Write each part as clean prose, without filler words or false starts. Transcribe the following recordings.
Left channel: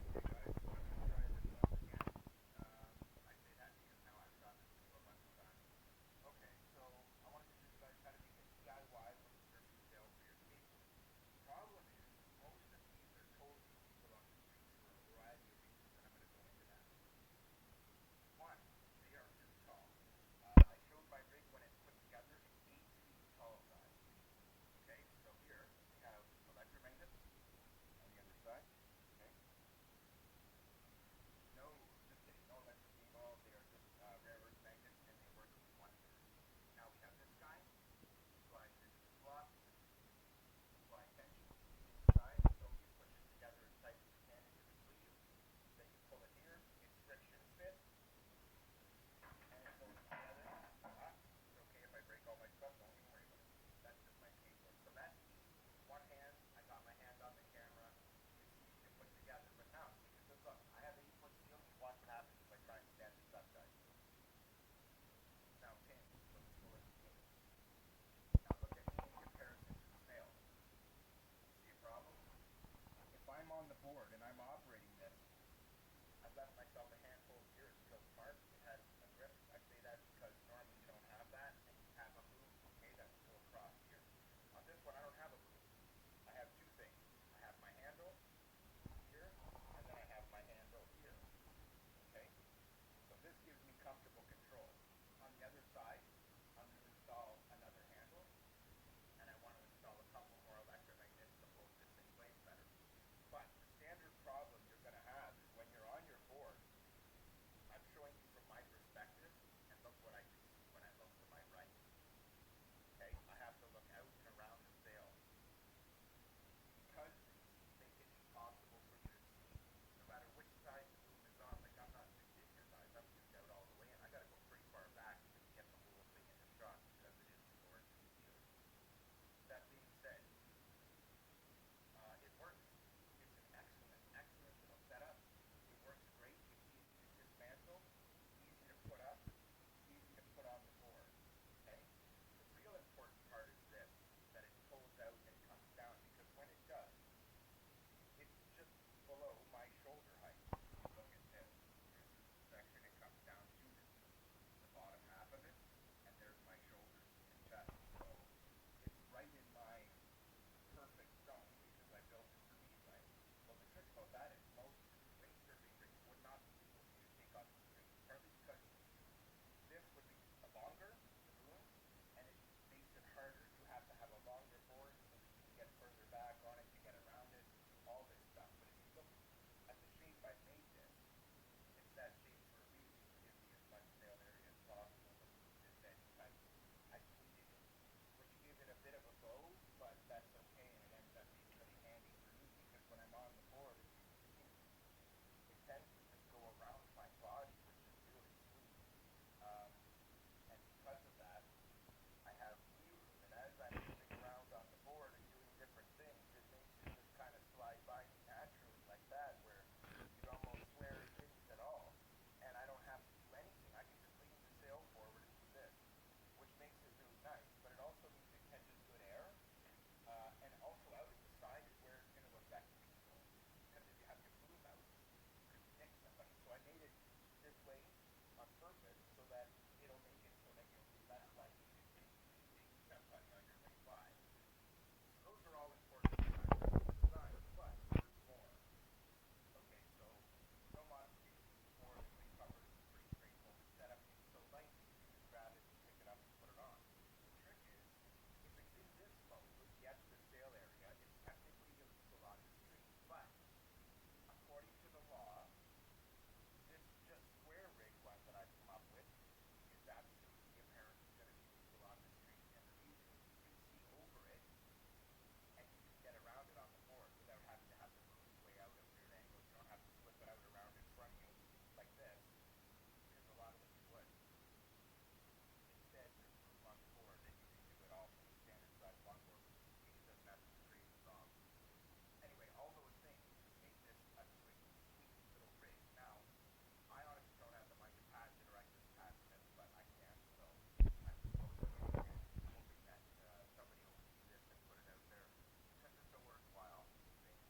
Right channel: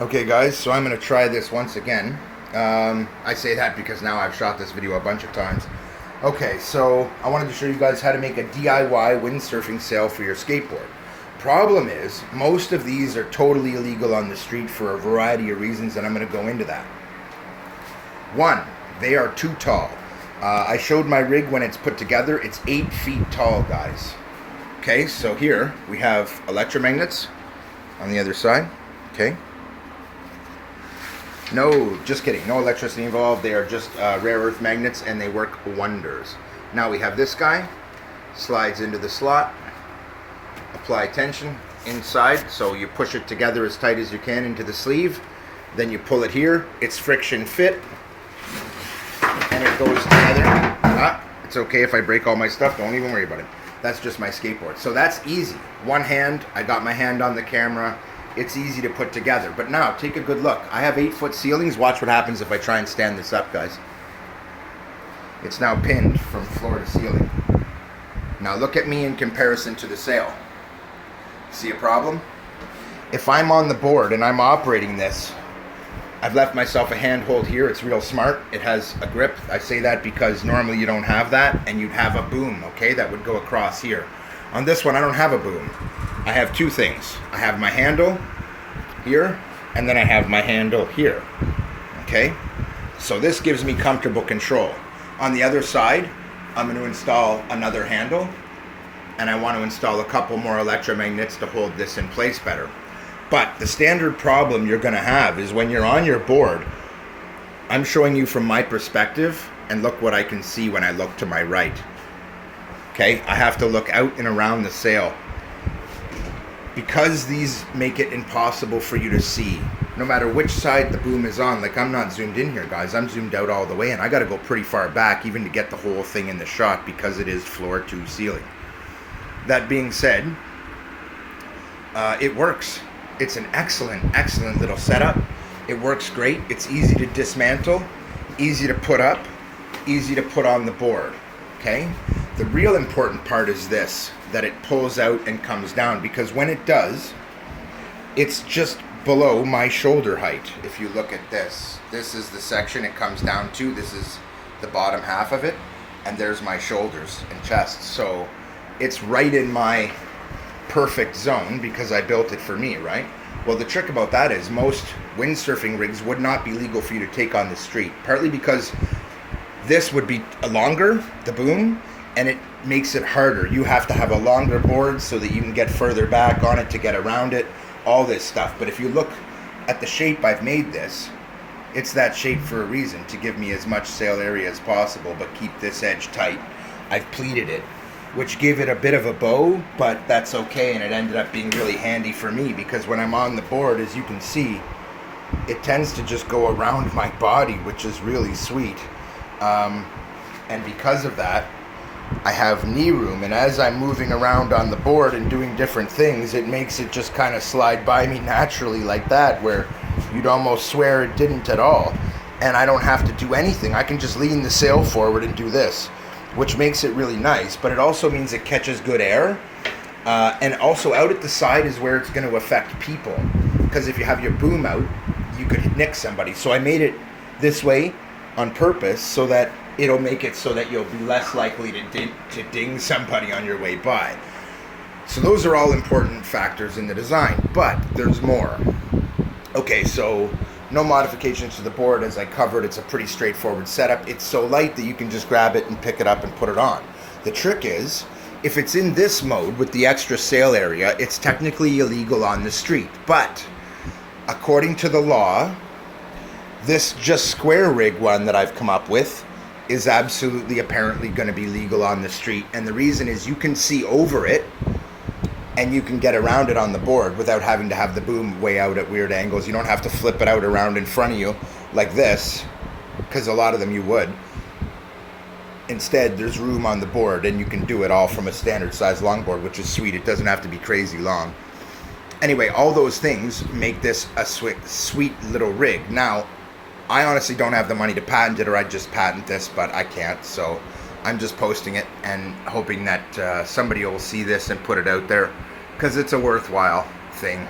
Okay guys, so I'm going to try this once again. I say that because now I've shot this video a bunch of times. Okay, so I wanted to show you guys how to make a DIY windsurfing sail for your skateboard. Problem is, most of these are totally illegal on the street for a variety of reasons, and I'm going to go into that. One, they are too tall. I showed my rig when it's put together. It's 8 feet tall, guys. Okay, so here we have electromagnets on the other side. Okay. No, just kidding. No electricity involved. They are just rare earth magnets, and they work wonders. Now we have this guy. Slides into the slot. Apply tension inside, so you push it together as tight as you can into the sleeve. Then you pull it here. It's friction fit, and it goes together. It's okay if I break all my stuff. Don't even worry about it. That's just my skateboard. So that's easy. One hand. I got my hand on the camera. It's easy to put together. But now, take a good look. I have 8-foot ceilings. Watch what happens if I try and stand this up, guys. It's now pinned from floor to ceiling. Now look at me in comparison to the sail. See a problem? If I'm on the board and I'm operating this, I've left myself a handhold here. It's real smart. It has a grip. I say that because normally you don't have that, and you'd have a boom, okay, that would go across here. On this one, I don't have a boom. I have two things. I have my handle here, and then I have my handle here. Okay? So this gives me comfortable control. On the other side, I'm going to install another handle, and I want to install a couple more electromagnets to hold this in place better. But the standard problem you're going to have is when you're on your board, I'm showing you from my perspective, and look what I can see when I look to my right. Okay? I have to look out and around the sail. Because these make it impossible for you to see, no matter which side the boom is on. Like, I'm not zoomed in here, guys. I'm zoomed out all the way, and I got to go pretty far back even to get the whole thing in the shot because it is floor to ceiling. That being said, it works. It's an excellent little setup. It works great. It's easy to dismantle, easy to put up, easy to put on the board. Okay? The real important part is this, that it pulls out and comes down, because when it does, it's just below my shoulder height. If you look at this, this is the section it comes down to. This is the bottom half of it, and there's my shoulders and chest. So it's right in my perfect zone because I built it for me, right? Well, the trick about that is most windsurfing rigs would not be legal for you to take on the street, partly because this would be longer, the boom, and it makes it harder. You have to have a longer board so that you can get further back on it to get around it, all this stuff. But if you look at the shape I've made this, it's that shape for a reason, to give me as much sail area as possible, but keep this edge tight. I've pleated it, which gave it a bit of a bow, but that's okay, and it ended up being really handy for me because when I'm on the board, as you can see, it tends to just go around my body, which is really sweet. And because of that, I have knee room, and as I'm moving around on the board and doing different things, it makes it just kind of slide by me naturally like that, where you'd almost swear it didn't at all. And I don't have to do anything. I can just lean the sail forward and do this, which makes it really nice, but it also means it catches good air. And also out at the side is where it's going to affect people, because if you have your boom out, you could nick somebody. So I made it this way on purpose so that it'll make it so that you'll be less likely to ding somebody on your way by. So those are all important factors in the design, but there's more. Okay, so no modifications to the board. As I covered, it's a pretty straightforward setup. It's so light that you can just grab it and pick it up and put it on. The trick is, if it's in this mode with the extra sail area, it's technically illegal on the street. But according to the law, this just square rig one that I've come up with is absolutely apparently going to be legal on the street. And the reason is you can see over it and you can get around it on the board without having to have the boom way out at weird angles. You don't have to flip it out around in front of you like this, because a lot of them you would. Instead, there's room on the board and you can do it all from a standard size longboard, which is sweet. It doesn't have to be crazy long. Anyway, all those things make this a sweet little rig. Now, I honestly don't have the money to patent it, or I'd just patent this, but I can't, so I'm just posting it and hoping that somebody will see this and put it out there, because it's a worthwhile thing.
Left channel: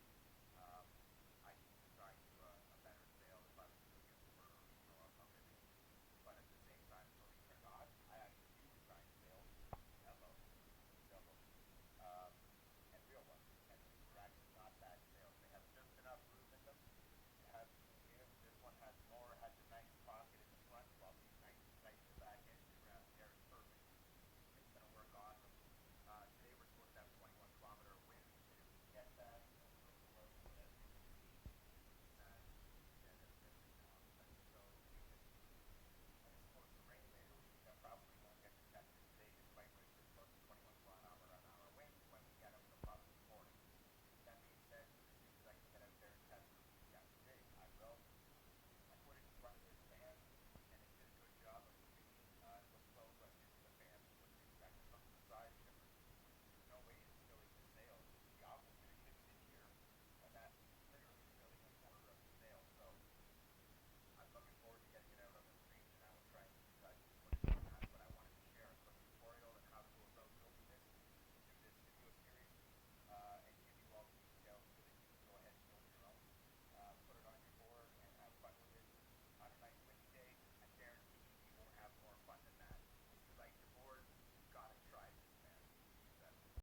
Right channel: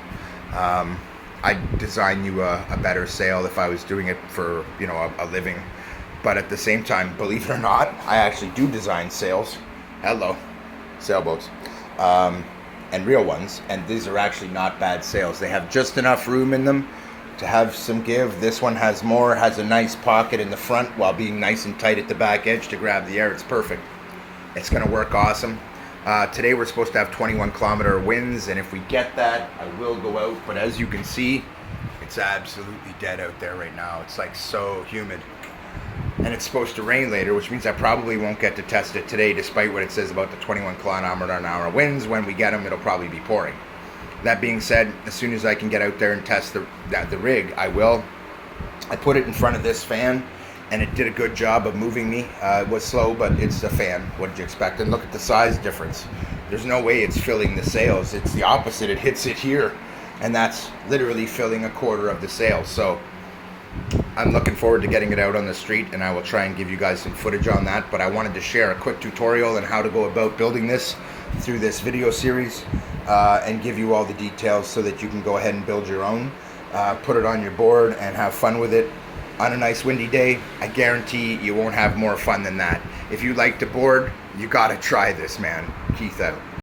I'd design you a better sail if I was doing it for, you know, a living. But at the same time, believe it or not, I actually do design sails. Hello, sailboats, and real ones. And these are actually not bad sails. They have just enough room in them to have some give. This one has more, has a nice pocket in the front while being nice and tight at the back edge to grab the air. It's perfect. It's going to work awesome. Today we're supposed to have 21-kilometer winds, and if we get that, I will go out. But as you can see, it's absolutely dead out there right now. It's like so humid. And it's supposed to rain later, which means I probably won't get to test it today, despite what it says about the 21-kilometer-an-hour winds. When we get them, it'll probably be pouring. That being said, as soon as I can get out there and test the rig, I will. I put it in front of this fan, and it did a good job of moving me. It was slow, but it's a fan. What did you expect? And look at the size difference. There's no way it's filling the sails. It's the opposite. It hits it here, and that's literally filling a quarter of the sail. So I'm looking forward to getting it out on the street, and I will try and give you guys some footage on that. But I wanted to share a quick tutorial on how to go about building this through this video series, and give you all the details so that you can go ahead and build your own, put it on your board, and have fun with it on a nice windy day. I guarantee you won't have more fun than that. If you like to board, you gotta try this, man. Keith out.